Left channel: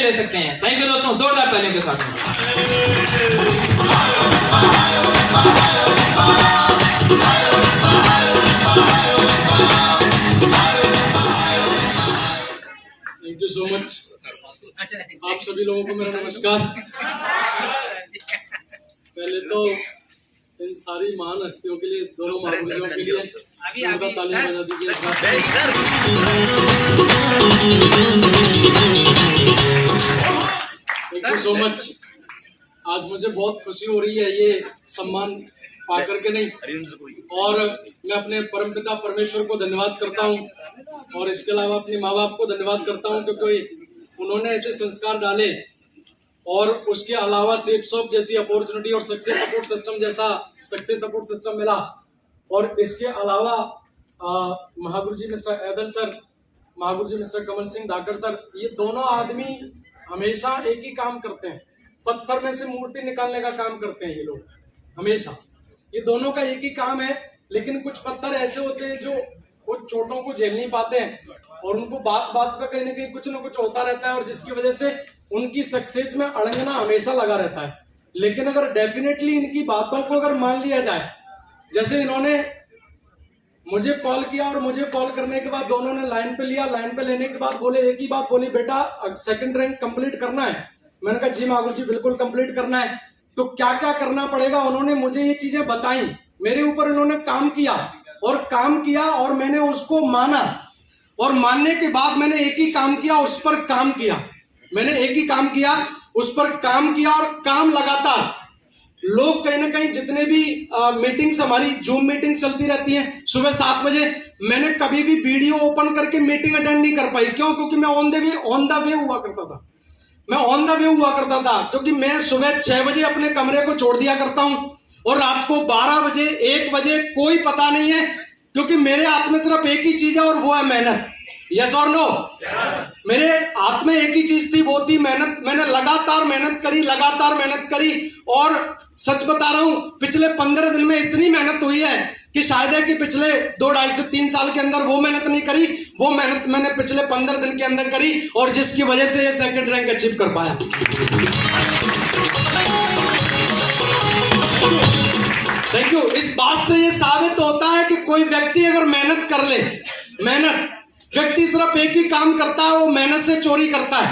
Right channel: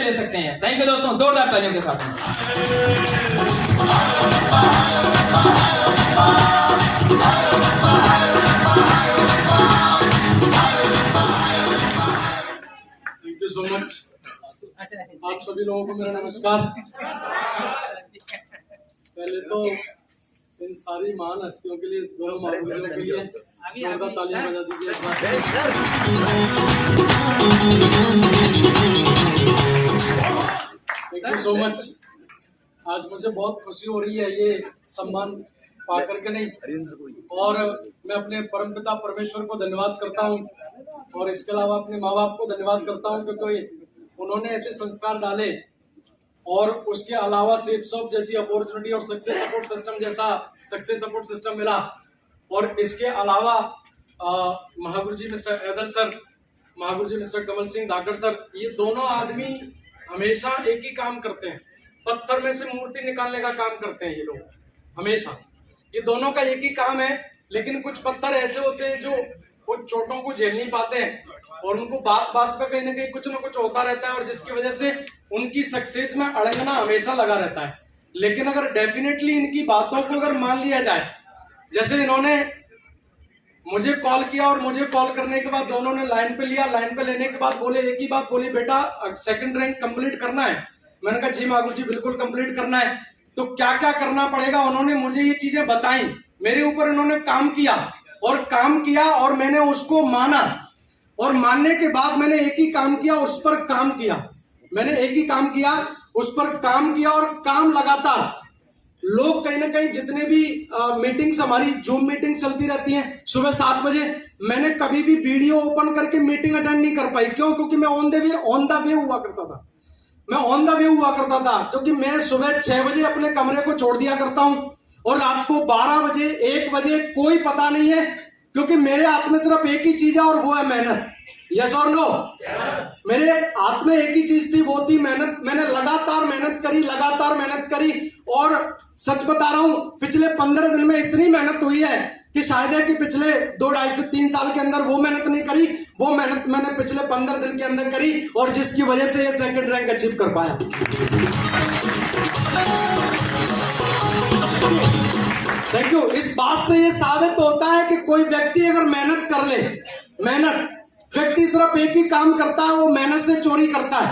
पैसे ले सकते हैं। थैंक यू दोस्तों, जोरदार तालियों के साथ। Thank you so much. आप सभी लोगों को मेरा नमस्कार। पहले तो इन सारी महान हस्तियों के लिए, दोनों महापुरुषों के लिए जोरदार तालियां बजा दीजिए। Thank you so much. आज मुझे बहुत खुशी हो रही है ये सम्मान पा करके नहीं, और मैं अपने परमपिता परमेश्वर को धन्यवाद करता हूँ, और इसके अलावा अपने माँ बाप को धन्यवाद करता हूँ, क्योंकि उन्होंने ऐसे संस्कार डाले, और उसके अलावा सेफ शॉप जैसी अपॉर्चुनिटी और सक्सेस सपोर्ट सिस्टम जैसा सक्सेस सपोर्ट सिस्टम मिला। और इसके अलावा महागुरु जी मिस्टर ऐदल सर, महागुरु जी मिस्टर कमल सिंह धाकड़ सर, ये दोनों आदमी हमेशा एक ही काम करते हैं, पत्थर में से मूर्ति निकालने का काम करते हैं ये लोग हमेशा। ये दोनों का एक ही काम है, लेकिन कुछ पत्थर ऐसे होते हैं जो कुछ चोटों को झेल नहीं पाते हैं, और उनको बात बात पे कहीं ना कहीं कुछ ना कुछ होता रहता है, और जिसकी वजह से उनकी सक्सेस में अड़ंगना हमेशा लगा रहता है। लेकिन अगर डेफिनेटली इनकी बातों को अगर मान लिया जाए, जैसे इन्होंने मुझे कॉल किया, और मुझे कॉल करने के बाद दोनों ने लाइन पे लिया, लाइन पे लेने के बाद बोले एक ही बात बोली, बेटा सेकंड रैंक कंप्लीट करना है। मैंने कहा जी महागुरु जी बिल्कुल कंप्लीट करना है। तो क्या क्या करना पड़ेगा, उन्होंने मुझे ये चीजें बताई, मेरे ऊपर इन्होंने काम किया, और मैंने उसको माना, और मानने के बाद मैंने एक ही काम किया, उस पर काम किया। मैंने एक ही काम किया, उस पर काम किया, और काम लगातार। लोग कहीं ना कहीं जितने भी मीटिंग्स, हमारी जूम मीटिंग चलती रहती हैं सुबह 7 बजे, मैंने कभी भी वीडियो ओपन करके मीटिंग अटेंड नहीं कर पाई। क्यों? क्योंकि मैं ऑन द वे हुआ करता था। क्योंकि मैं सुबह 6 बजे अपने कमरे को छोड़ दिया करता हूं, और रात को 12 बजे 1 बजे कोई पता नहीं है, क्योंकि मेरे हाथ में सिर्फ एक ही चीज है, और वो है मेहनत। यस और नो? मेरे हाथ में एक ही चीज थी, वो थी मेहनत। मैंने लगातार मेहनत करी, और सच बता रहा हूं, पिछले 15 दिन में इतनी मेहनत हुई है कि शायद है कि पिछले 2-2.5 से 3 साल के अंदर वो मेहनत नहीं करी। वो मेहनत मैंने पिछले 15 दिन के अंदर करी, और जिसकी वजह से ये सेकंड रैंक अचीव कर पाया। Thank you. इस बात से ये साबित होता है कि कोई व्यक्ति अगर मेहनत कर ले, व्यक्ति सिर्फ एक ही काम करता है, वो मेहनत से चोरी करता है,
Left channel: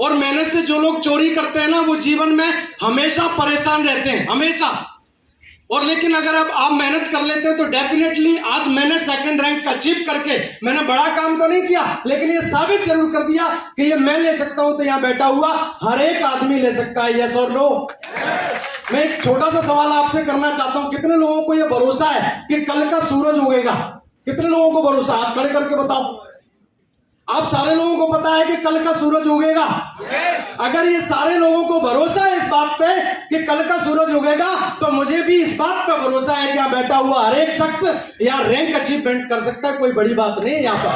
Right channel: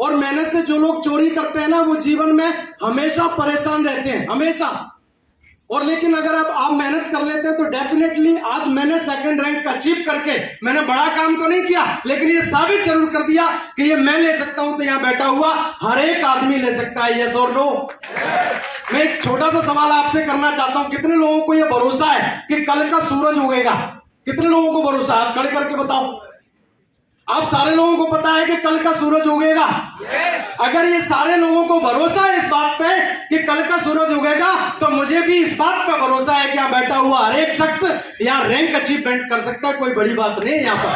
और मेहनत से जो लोग चोरी करते हैं ना, वो जीवन में हमेशा परेशान रहते हैं, हमेशा। और लेकिन अगर अब आप मेहनत कर लेते हैं तो डेफिनेटली आज मैंने सेकंड रैंक अचीव करके, मैंने बड़ा काम तो नहीं किया, लेकिन ये साबित जरूर कर दिया कि ये मैं ले सकता हूं, तो यहां बैठा हुआ हर एक आदमी ले सकता है। यस और नो? मैं एक छोटा सा सवाल आपसे करना चाहता हूं, कितने लोगों को यह भरोसा है कि कल का सूरज उगेगा? कितने लोगों को भरोसा है? आप खड़े करके बताओ। आप सारे लोगों को पता है कि कल का सूरज उगेगा? अगर ये सारे लोगों को भरोसा है इस बात पे कि कल का सूरज उगेगा, तो मुझे भी इस बात पे भरोसा है कि यहाँ बैठा हुआ हर एक शख्स यहाँ रैंक अचीवमेंट कर सकता है। कोई बड़ी बात नहीं है यहाँ पर।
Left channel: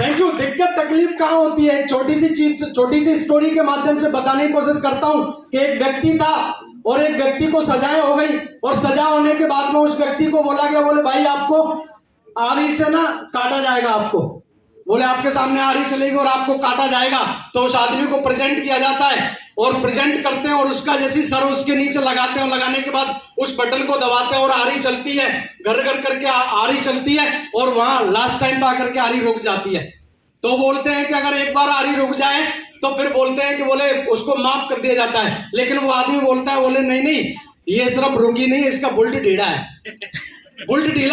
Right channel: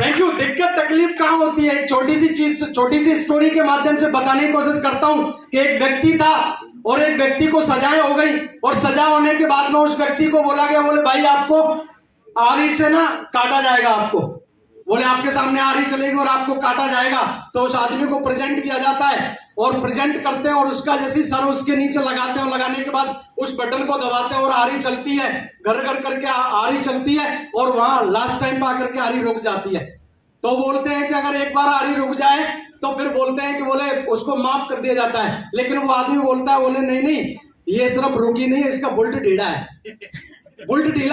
Thank you. दिक्कत तकलीफ कहाँ होती है? एक छोटी सी स्टोरी के माध्यम से बताने की कोशिश करता हूँ कि एक व्यक्ति था, और एक व्यक्ति को सजाएं हो गई, और सजा होने के बाद में उस व्यक्ति को बोला गया, बोले भाई आपको आरी से ना काटा जाएगा। आपको बोले आपके सामने आरी चलेगी और आपको काटा जाएगा। तो उस आदमी को प्रेजेंट किया जाता है, और प्रेजेंट करते हैं, और उसका जैसी सर उसके नीचे लगाते हैं, और लगाने के बाद उस बटन को दबाते हैं, और आरी चलती है, घर घर करके आरी चलती है, और वहां लास्ट टाइम पे आकर के आरी रुक जाती है। तो बोलते हैं कि अगर एक बार आरी रुक जाए तो फिर बोलते हैं कि बोले उसको माफ कर दिया जाता है। लेकिन वो आदमी बोलता है, बोले नहीं, ये सिर्फ रुकी नहीं है, इसका बुल्ट ढीला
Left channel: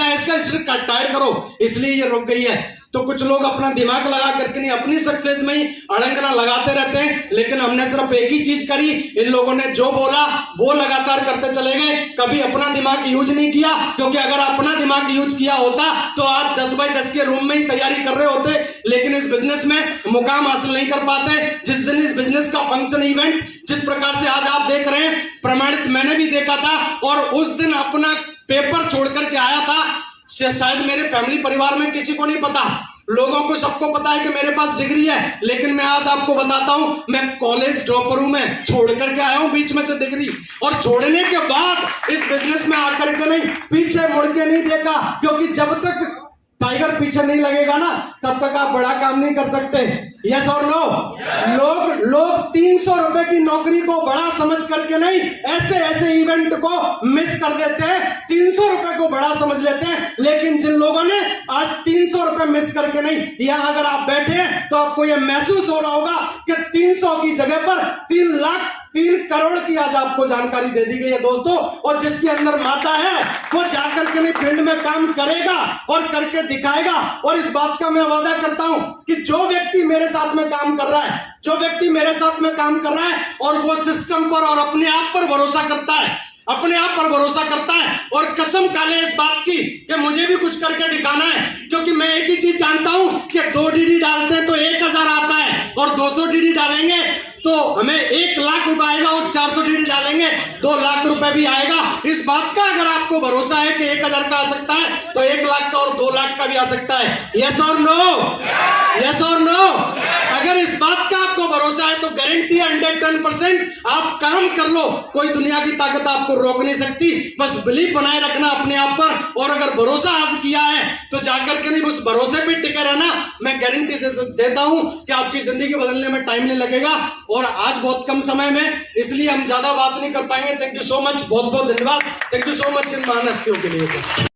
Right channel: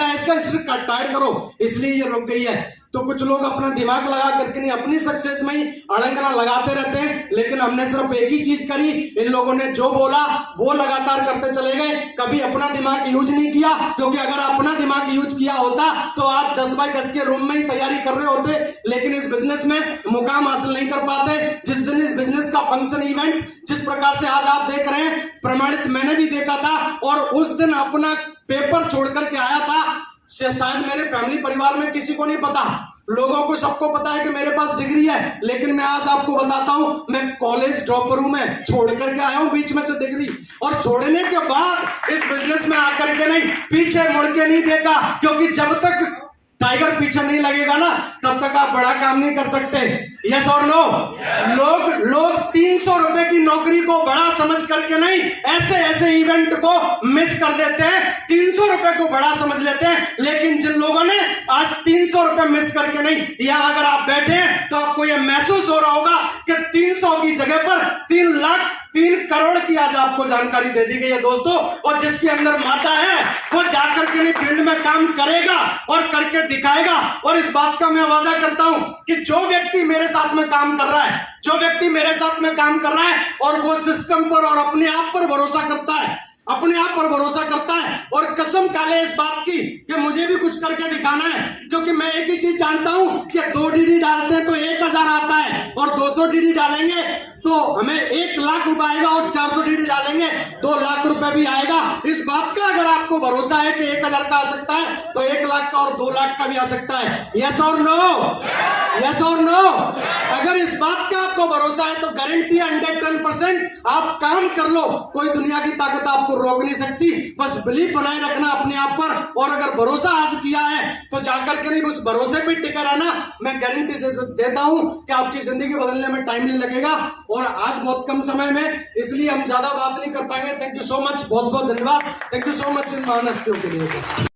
है, इसका सिर्फ टाइट करो, इसलिए ये रुक गई है। तो कुछ लोग अपना दिमाग लगा करके नहीं, अपनी सक्सेस में ही अड़ंगना लगाते रहते हैं, लेकिन हमने सिर्फ एक ही चीज करी। इन लोगों ने जो बोला वो लगातार करते चले गए, कभी अपना दिमाग यूज नहीं किया। क्योंकि अगर अपना दिमाग यूज किया होता तो आज 10 बाय 10 के रूम में ही तैयारी कर रहे होते, लेकिन इस बिजनेस में मुकाम हासिल नहीं कर पाते। जिस दिन इस बिजनेस का फंक्शन इवेंट जिस प्रकार से आज आप देख रहे हैं, प्रमाणित मैंने भी देखा था, और उस दिन अपना पेपर छोड़ करके आया था। शायद मेरे फैमिली परिवार में किसी को नहीं पता, लोगों को सबको पता है कि मेरे पास डिग्री है, लेकिन मैं आज आपको बताता हूं, मैं कॉलेज ड्रॉपर हूं, मैं छोड़ करके आया हूं बीच में से डिग्री, और छोड़ने के बाद इस बिजनेस में आकर के नहीं, पीछे मुड़ के नहीं देखा। क्योंकि जब तक टाइगर पीछे नहीं लगेगा ना, तब तक आप बड़ा काम नहीं कर सकते। यस और नो? लोग 300 रुपए की नौकरी को बड़ा समझ करके नहीं, ऐसे ऐसे इवेंट को मिस कर देते हैं। 300 रुपए को बड़ा समझ लेते हैं, लेकिन जिन लोगों ने आज 300 रुपए मिस करके नहीं, यहां अगर आप बैठे हैं तो आपको यह महसूस हो रहा होगा कि 300 की जगह पर 3 करोड़ की आज आपको जानकारी दे दी गई है दोस्तों। और जिसके अंदर माता है वो जाकर के नहीं फील्ड में काम करेगा और करके दिखाएगा। और इस बात का मैं वादा करता हूं कि जो व्यक्ति मेरे साथ में काम कर रहा है, जो व्यक्ति मेरे साथ में काम कर रहा है और वो सिस्टम पर और अपने आप पर भरोसा करता है, अपने आप पर भरोसा करता है और कसम खा ले इस बात की कि मुझे भी कुछ करके दिखाना है, क्योंकि मैं एक ही चीज जानता हूं कि 2 डीडी डालते हैं तो 1000 आता है, और 200 डीडी डालेंगे तो हमें 1 लाख रुपए आएगा, और 400 डीडी डालेंगे 2 लाख रुपए भी आएगा। इस बात का अगर आपको भरोसा है कि 1000 का आ सकता है तो 1 लाख का और 2 लाख का भी आ सकता है। यस और नो? यस और नो? अगर इस बात का आपको भरोसा है तो गारंटी 110% आप काम कर लो, कोई दुनिया की ताकत आपको रोक नहीं सकती। बस बिलीव बनाए रखना अपने आप पर, और अगर भरोसा आज किया है तो जाकर के नहीं उस भरोसे पे टिके रहना। मैं गारंटी देता हूं कि आपकी जिंदगी बदलने में टाइम नहीं लगेगा। और आज बहुत कम समय में, इसलिए हम ज्यादा बात नहीं कर पाएंगे। थैंक यू सो मच, बहुत बहुत धन्यवाद। Thank you so much in महान हस्तियों के लिए।